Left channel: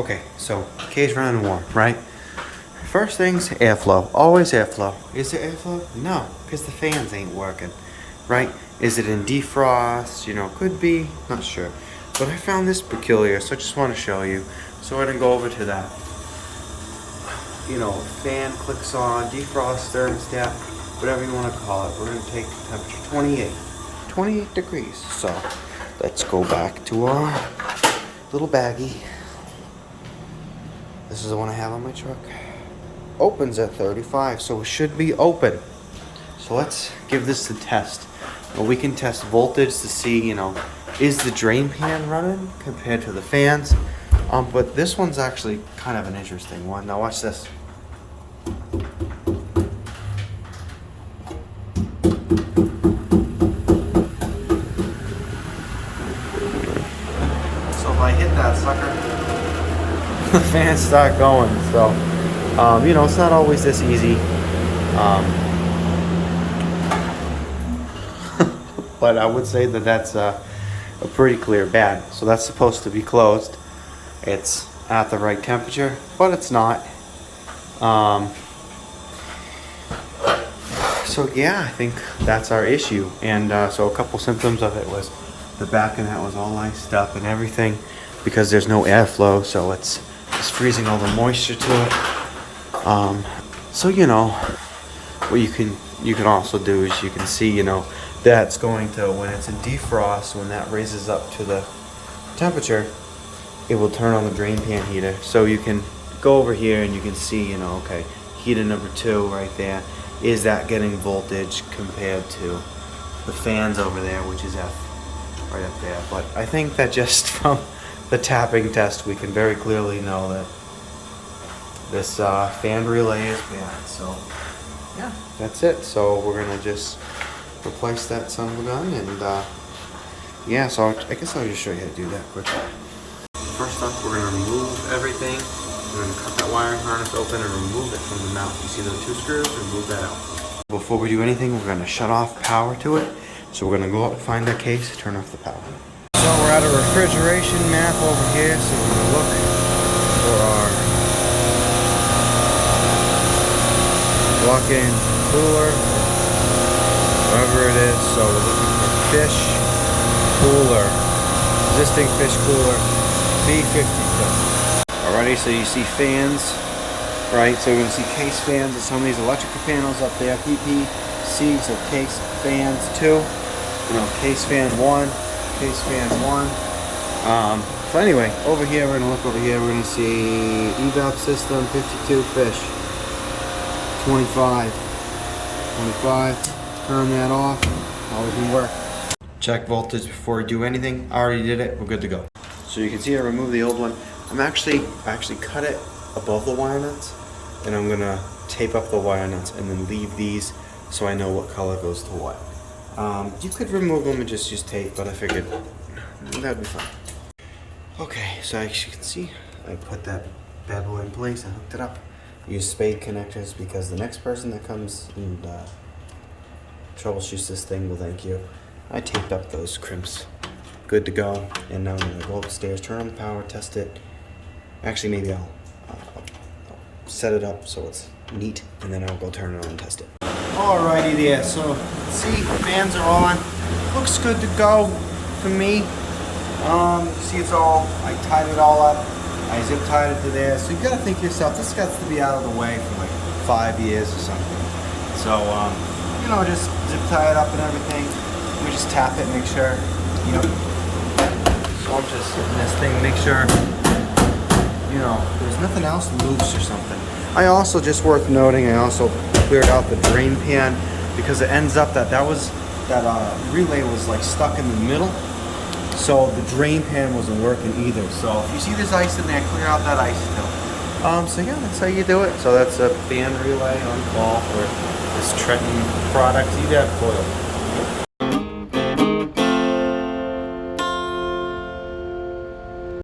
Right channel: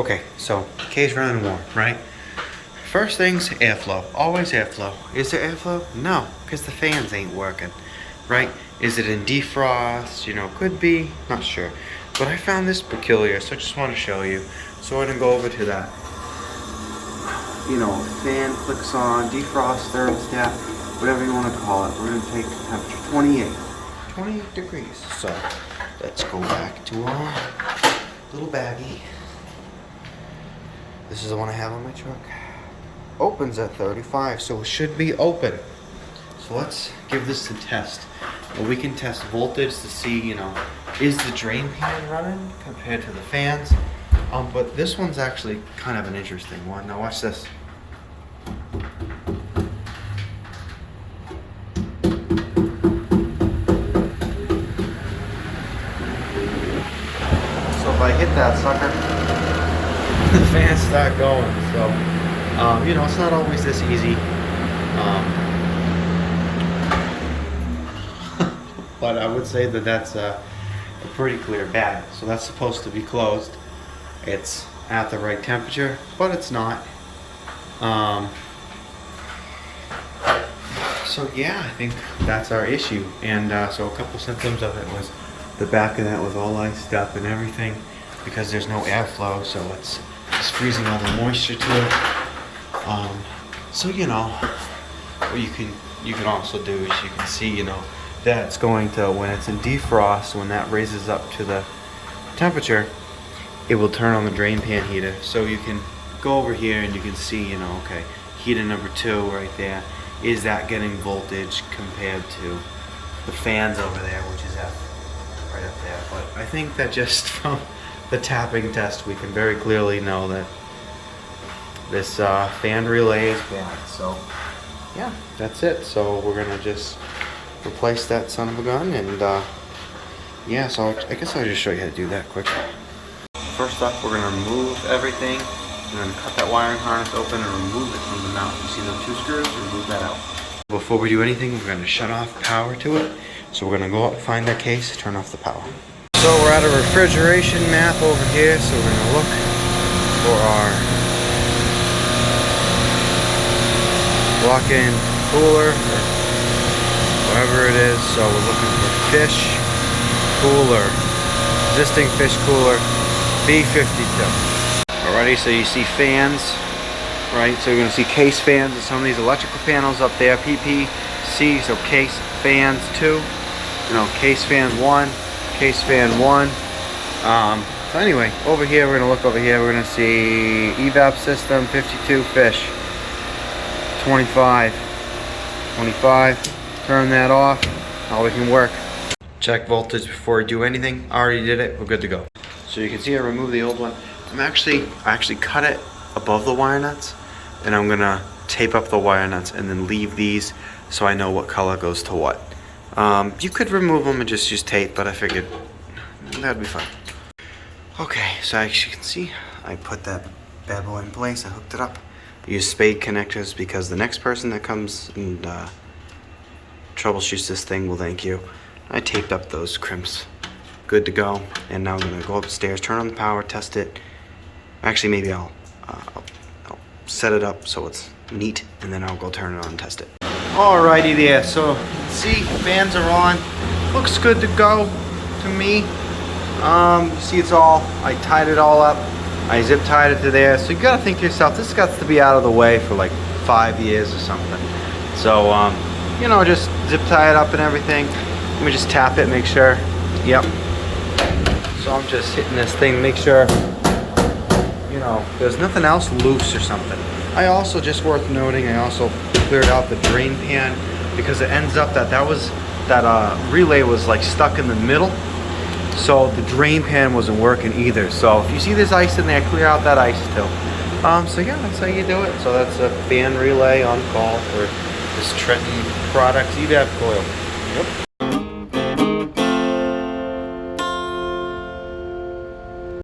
Okay, so cage running warm, right? First things, airflow. Always airflow. Is there airflow? No, because the fans ain't working, right? Is it in defrost? You know, could be, not sure. But I found this peculiar, so I just want to show you. So we're gonna go over to that. You know, fan clicks on, defrost, thermostat, whatever you want to call it. We're gonna take temperature 28 degrees. So let's go back to our little baggie. This is the one I have on my truck. Opens at 35, so it should be open. So let's give this a test. Well, we can test voltage to see, you know, is the drain pan running compared to the fans? But this one's actually kind of an interesting one. Now watch this. So if I hit that sucker, the fans start going. So, you know, it's not always this easy. But I would say that that's a pretty clear bag. So that's supposed to be closed. It's at the right temperature, but it's not. So yeah, I think that's our issue. And so a couple symptoms of it was the back of that was all iced up and everything because there's no airflow, so it's freezing all the moisture to it. So you know, what you can also do is you can see, you know, that's going to, when it's in defrost, when that raises up to the temperature, it will turn on the drain pan heater. So you can go over here and you can see, you know, okay, heater number 2 right there. Is that getting voltage compared to the fans over there, which is at right up there? But I think that just from the tapping test, we can very clearly know that this fan relay is bad. So yeah, that's it. So we're gonna just replace that son of a gun, and yeah, so I guess I'll just show you how to do that quick. First up, we're gonna remove everything. We're gonna cut that wiring harness open and remove it from the mount. You see those 2 screws? Remove that out. Before we do anything, we're gonna shut off power to it. So we're gonna go up, find that case, turn off the power. So we're at a refrigeration map over here. So we're gonna look for our walk-in cooler or whatever it is. So we're looking for fish cooler, existing fish cooler, B52. Alrighty, so you see fans, right? So you're gonna see case fans and some of these electrical panels up there, PPC, so case fans 2, you know, case fan 1, case fan 1. So anyway, over here, we're gonna look over here, we're gonna see evap system, 52 fish, 25, turn that off, now we can work. Check voltage before we do anything. I already did it, we're good to go. So you can see I removed the old one. I actually cut it above the wire nuts, and I'm gonna tape up the wire nuts and then leave these so I know what color goes to what. You could remove them and just use tape, but I figured that'd be fine. Okay, so as you can see, I put that bad boy in place, I hooked it up. I use spade connectors because the next person that comes and troubleshoots this thing will thank you. I taped up those crimps. Good to go. And now I'm gonna go upstairs, turn on the power, test it. Actually, maybe I'll set it up so it's neat, and then I'll go turn it on and test it. Alrighty there, so see, fans are on. Looks good to go to me. See, it's all, I tied it all up. I zip tied it to there. So you gotta think to yourself, this got to be out of the way for like 5 years or something. So, you know, just zip tie it up and everything. Let me just tap it, make sure. Yep. So I'm just hitting this thing, make sure, you know, there's nothing else loose or something. I also, just worth noting, I also cleared out the drain pan because it ends up that relay was like stuck in the middle. So the drain pan wasn't working either. So if you see there's ice in there, clear out that ice too. So yeah, that's how you do it. So that's a fan relay on call for this Trenton product evap coil. Yep.